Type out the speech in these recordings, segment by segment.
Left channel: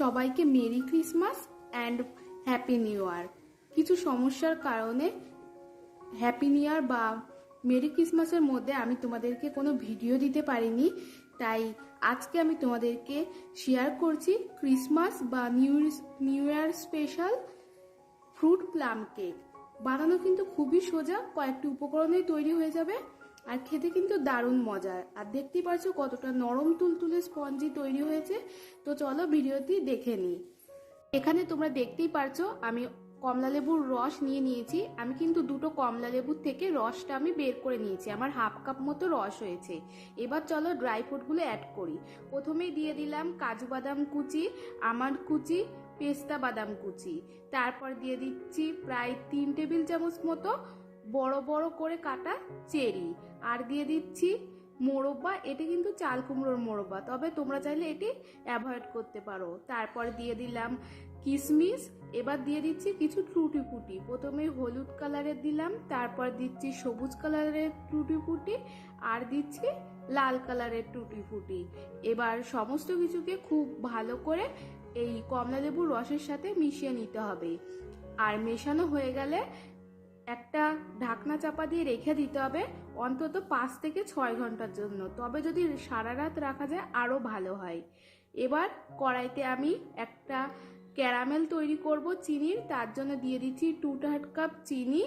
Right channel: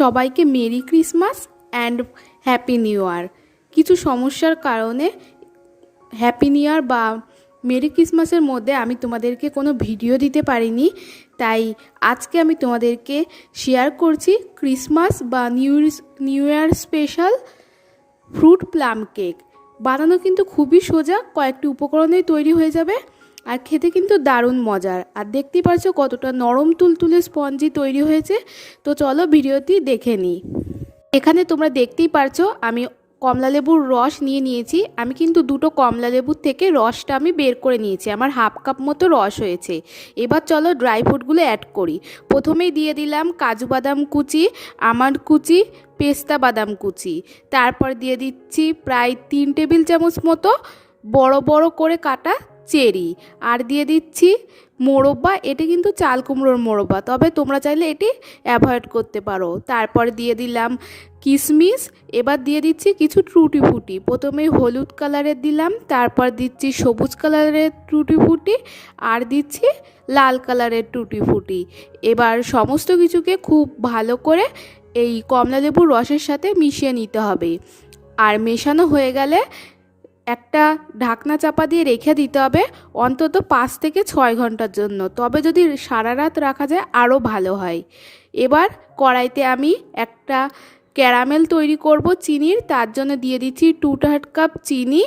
সবাইকে merry Christmas and happy new year. কিছু সমস্যার কারণে হ্যাপি নিউ ইয়ার বা মেরি ক্রিসমাসের মধ্যে আমি তোমাদেরকে কোনো ভিডিও দিতে পারিনি, তাই আজকে আমি তোমাদেরকে শেয়ার করছি ক্রিসমাস বা new new year special fruit plum cake. বানানো কিন্তু খুবই সোজা, কয়েকটি উপকরণেই তৈরি হয়ে যাবে। আর খেতে কিন্তু দারুণ মজার। আর দেখতেই পারছ কতটা নরম তুলতুলে স্পঞ্জি তৈরি হয়েছে। তো চলো ভিডিওটি দেখে নিই। এখানে তোমরা দেখতেই পারছ আমি কমলা লেবুর রস নিয়ে নিয়েছি। আমি কিন্তু দুটো কমলা লেবুর থেকে রসটা আমি বের করে নিয়েছি। আমার হাফ কাপ মতো রস হয়েছে। এবার চলো ড্রাই ফ্রুটগুলো অ্যাড করি। প্রথমেই দিয়ে দিলাম কাজু বাদাম কুচি আমার কুচি, পেস্তা বাদাম কুচি। তারপর দিয়ে দিচ্ছি প্রায় তিন টেবিল চামচ মতো বড় বড় করে কাটা চেরি। আর দিয়ে দিচ্ছি মোরব্বা, এটি কিন্তু চাল কুমড়োর মোরব্বা, তবে তোমরা চাইলে এটি অ্যাভয়েড করতে পারো। তারপর দিয়ে দিলাম কিশমিশ এবার দিয়ে দিচ্ছি কিছু ট্রুটি ফুটি। প্রথমে হলুদ কালারের দিলাম, তারপর দিচ্ছি সবুজ কালারের টুটি ফুটি, আর দিচ্ছি লাল কালারের টুটি ফুটি। এবার সমস্ত কিছুকে খুব ভালো করে এই কমলা লেবুর রসের সাথে মিশিয়ে নিতে হবে। আর মেশানো হয়ে গেলে একটা ঢাকনা চাপা দিয়ে রেখে দিতে হবে অন্তত পাঁচ থেকে ছয় ঘণ্টার জন্য। তবে যদি সারা রাত রাখা যায়, আরও ভালো হয়। এবার কড়াইতে আমি একটা ক্যারামেল তৈরি করব চিনির, তার জন্য দিয়ে দিচ্ছি টু থার্ড কাপ চিনি।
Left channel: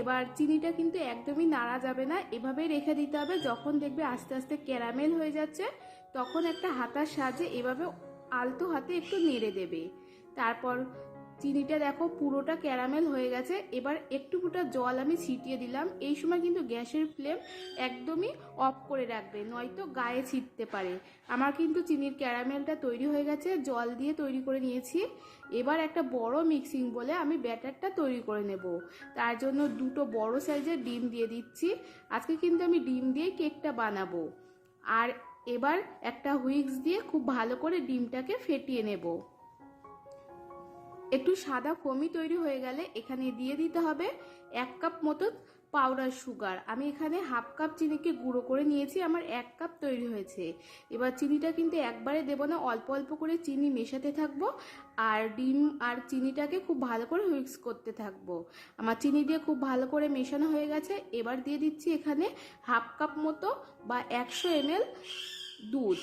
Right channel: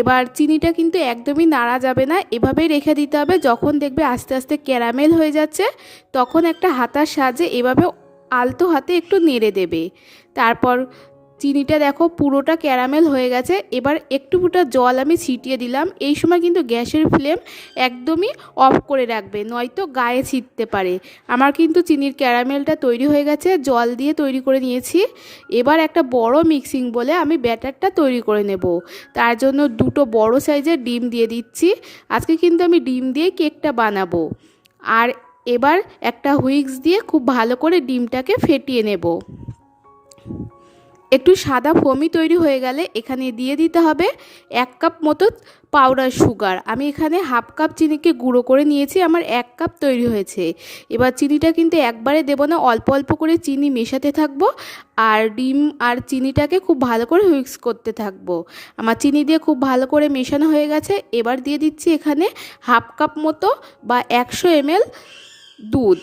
এবার চিনিটা কিন্তু একদমই নাড়া যাবে না, এভাবেই রেখে দিতে হবে। যখন দেখবে আস্তে আস্তে ক্যারামেল হয়ে যাচ্ছে, তখন একটা হাতার সাহায্যে এভাবে আলতো হাতে একটু নেড়ে দেবে। তারপর চিনিটা দেখো পুরোটা ক্যারামেল হয়ে গেছে। এবার একটু ফুটা জল আমি ছিটিয়ে দিলাম। এই সময় কিন্তু গ্যাসের ফ্লেম একদমই অফ করে রাখবে, নয়তো গায়ে ছিটতে পারে। আমার কিন্তু চিনির ক্যারামেলটা তৈরি হয়ে গেছে, জল দিয়ে তৈরি করে নিয়েছি। এবার একটা বড় মিক্সিং বলে আমি ব্যাটারটা তৈরি করে নেব। তার জন্য দুটো বড় সাইজের ডিম দিয়ে দিচ্ছি। আজকে কিন্তু আমি ডিম দিয়ে কেকটা বানাবো। আর এবার একটা হুইক্স দিয়ে খুব ভালো করে ডিমটাকে ফেটিয়ে নেব। একটু সাদা ফমি তৈরি হয়ে গেলে এখানে দিয়ে দিতে হবে এক কাপ মতো পাউডার সুগার আমি এখানে হাফ কাপ চিনিকে গুঁড়ো করে নিয়েছি, আমার এক কাপ তৈরি হয়েছে। এবার চিনিটা কিন্তু একবারে দেবো না, অল্প অল্প করে চিনি মেশাতে থাকব আর ডিম আর চিনিটাকে খুব ভালো করে মিক্স করতে থাকব। আমার চিনি দিয়ে খুব ভালো করে মেশানো হয়ে গেছে, এবার দিয়ে দিচ্ছি এখানে হাফ কাপ মতো বা একশো এমএল দুধ।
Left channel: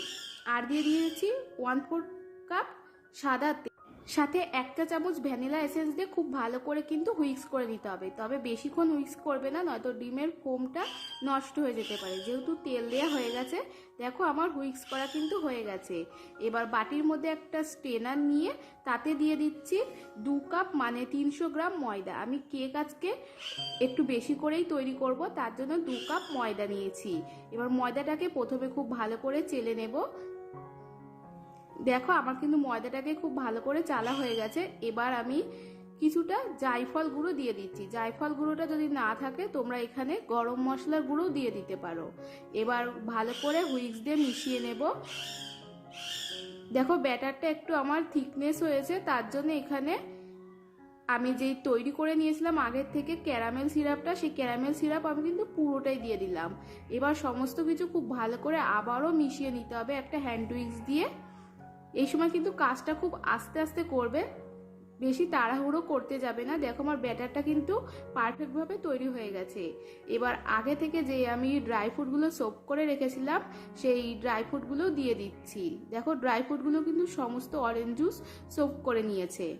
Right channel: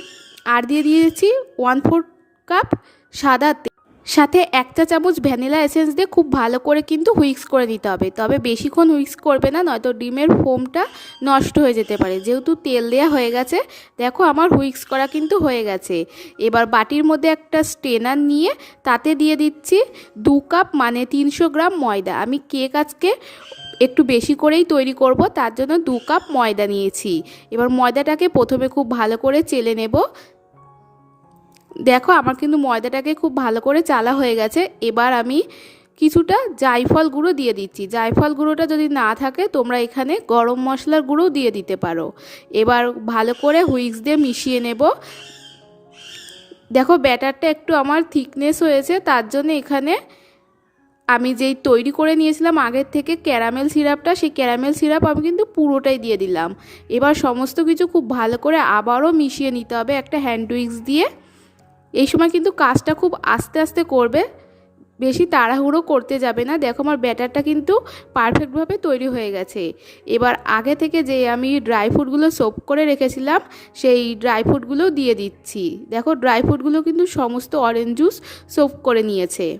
আর দিয়ে দিয়েছি ওয়ান ফোর কাপ সাদা সাথে এক চা চামচ ভ্যানিলা এসেন্স দিয়ে খুব ভালো করে কিন্তু হুইক্স করে নিতে হবে। তবে বেশিক্ষণ হুইক্স করবে না, নয়তো ডিমের ফোমটা নষ্ট হয়ে যেতে পারে। যেহেতু তেল দেওয়া হয়ে গেছে, দেখো আমার হুইক্স করা কিন্তু হয়ে গেছে। এবার বাটির মধ্যে একটা স্টেনার নিয়ে তাতে দিয়ে দিচ্ছি দু কাপ মানে তিনশো গ্রাম ময়দা। আমি কেক আজকে একটু বেশি করেই তৈরি করব, তার জন্য দু কাপ ময়দা নিয়েছি। এবার ময়দাটাকে প্রথমে খুব ভালো করে চেলে নেব। দেখো, আমার কিন্তু ময়দাটাকে খুব ভালো করে চালা হয়ে গেছে। এবার আমি কিছুটা জায়ফল গুঁড়ো দিয়ে দিচ্ছি। জায়ফল গুঁড়োটা যদি না থাকে, তোমরা এখানে গরম মশলার গুঁড়ো দিয়ে দিতে পারো। এবার ভালো করে হুইক্স দিয়ে মিশিয়ে নেব। দেখো, ব্যাটারটা একটু আমার থিকনেস হয়েছে, তার জন্য এখানে আমি যেই তৈরি করে নিয়েছিলাম আগের থেকে ক্যারামেল সিরাপটা, সেই ক্যারামেল সিরাপ আমি কিন্তু পুরোটাই দিয়ে দিলাম। এবার সমস্ত কিছু খুব ভালো করে আবারও মিশিয়ে নিতে হবে একটা হ্যান্ড উইক্স দিয়ে। এই সময় কিন্তু কাজটা খুব আস্তে আস্তে করবে, বেশি তাড়াহুড়ো করতে যাবে না। দেখো আমার ব্যাটারটা কিন্তু পারফেক্টভাবে তৈরি হয়ে গেছে। এবার আগে থেকে যে আমি ড্রাই ফ্রুটগুলো সোপ করে রেখেছিলাম, সেই ড্রাই ফ্রুটগুলো দিয়ে দিচ্ছি। দেখো ড্রাই ফ্রুটগুলো কিন্তু সমস্ত অরেঞ্জ জুস সোপ করে নিয়েছে।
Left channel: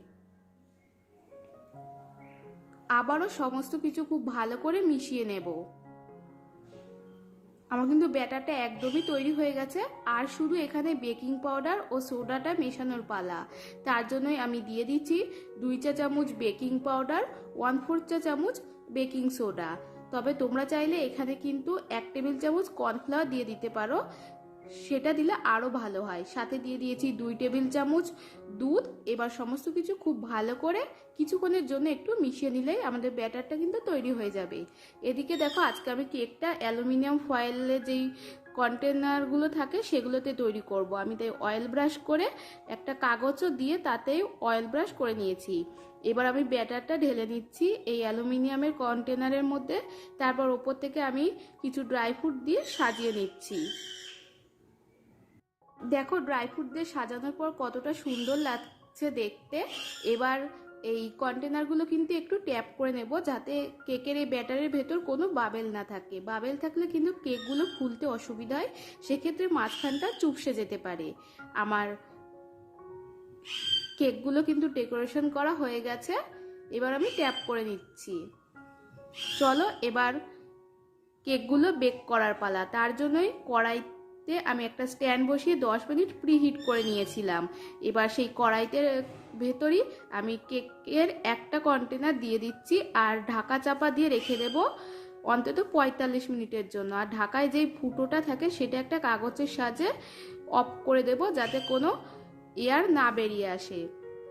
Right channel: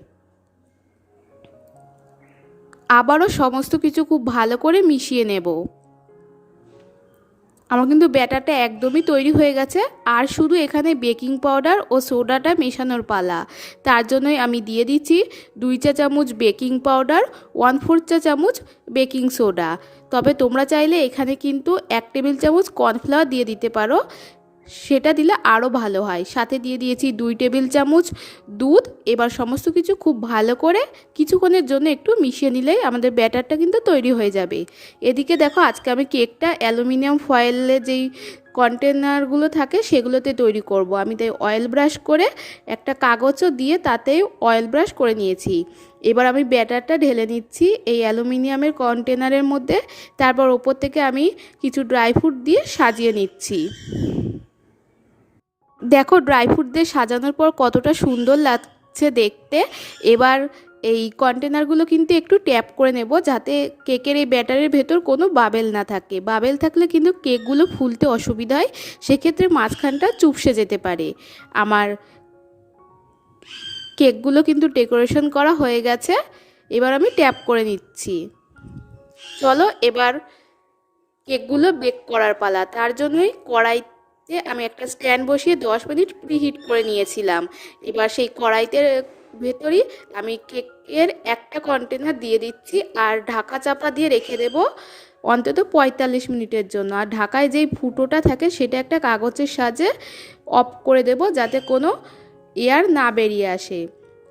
আবারও সমস্ত কিছু খুব ভালো করে মিশিয়ে নেব। আমার কিন্তু ব্যাটারটা একদমই তৈরি হয়ে গেছে, আর শুধু এখানে বেকিং পাউডার ও সোডাটা মেশানোর পালা। তার জন্যই আমি দিয়ে দিচ্ছি দুই চা চামচ বেকিং পাউডার, ওয়ান ফোর চা চামচ বেকিং সোডা। তবে তোমরা চাইলে এখানে কিন্তু এক টেবিল চামচ কর্নফ্লাওয়ার দিয়ে দিতে পারো। সেটা দিলে আরও ভালো হয়। সাথে দিয়ে দিয়েছি দুই টেবিল চামচ দুধ। এবার সমস্ত কিছু খুব ভালো করে কিছুক্ষণের জন্য একটু মিশিয়ে নিলেই আমাদের ব্যাটারটা কিন্তু তৈরি হয়ে যাবে। এদিকে দেখো, আজকে আমি কেকটা অ্যালুমিনিয়াম ফয়েলে যেই কন্টেনারগুলো থাকে সেগুলোতে তৈরি করব। আমি তাই অয়েল ব্রাশ করে একটা কাগজও দিয়ে তাতে অয়েল ব্রাশ করে নিয়েছি। এবার আমি ব্যাটারটা ঢেলে নিচ্ছি এই অ্যালুমিনিয়ামের কন্টেনারের মধ্যে। তারপর ওপর থেকে আমি কিছু ড্রাই ফ্রুট দিয়ে সাজিয়ে নিচ্ছি। দেখো ড্রাই ফ্রুট দিয়ে সাজানোর পর কতটা সুন্দর লাগছে দেখতে। এবার এই কন্টেনারগুলো কিন্তু একটু ট্যাপ করে নেব যাতে কেকের এই ব্যাটারের ভেতর কোনো বাবেল না থাকে। বাবেল থাকলে কিন্তু কেকগুলো ফুলতে অসুবিধা হয়, সেক্ষেত্রে মাঝখানটা চুপসে যেতে পারে। আমার কেকগুলো কিন্তু ডেকোরেশন করা হয়ে গেছে, এবার আমি ট্যাপ করে নিচ্ছি। চলো, এবার কেকগুলো বেক করার পালা। তার জন্যই কড়াইতে আমি একটা স্ট্যান্ড বসিয়ে দশ মিনিট প্রিহিট করে নিয়েছিলাম। এবার সেই কড়াইতে ভেতরই আমি কেকের একটা কন্টেনার দিয়ে দিচ্ছি আর ঢাকা চাপা দিয়ে রেখে দেব অন্তত পঁয়তাল্লিশ মিনিটের জন্য। আর ঢাকায় যেই ফুটোটা থাকে সেটা একটা কাগজের সাহায্যে অফ করে দেব যাতে কোনো এয়ার না বেরিয়ে আসে।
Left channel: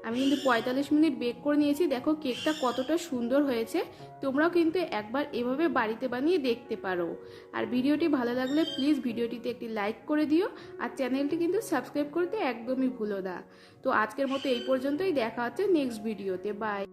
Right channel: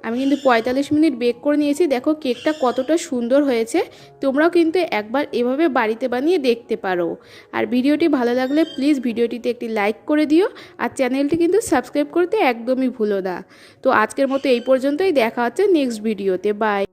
আমি কিন্তু পঁয়তাল্লিশ মিনিট বেক করে নিয়েছি। দেখো কেকটা কতটা সুন্দর হয়েছে। তোমরাও কিন্তু একবার এভাবে বাড়িতে বানিয়ে দেখতে পারো। আর ভিডিওটি ভালো লাগলে প্লিজ ভিডিওটিতে একটি লাইক করে দিও। আর চ্যানেলটি কিন্তু সাবস্ক্রাইব করতে একদমই ভুলো না। তো আজকের মতো এই পর্যন্তই। দেখা হচ্ছে নেক্সট ভিডিওতে বাই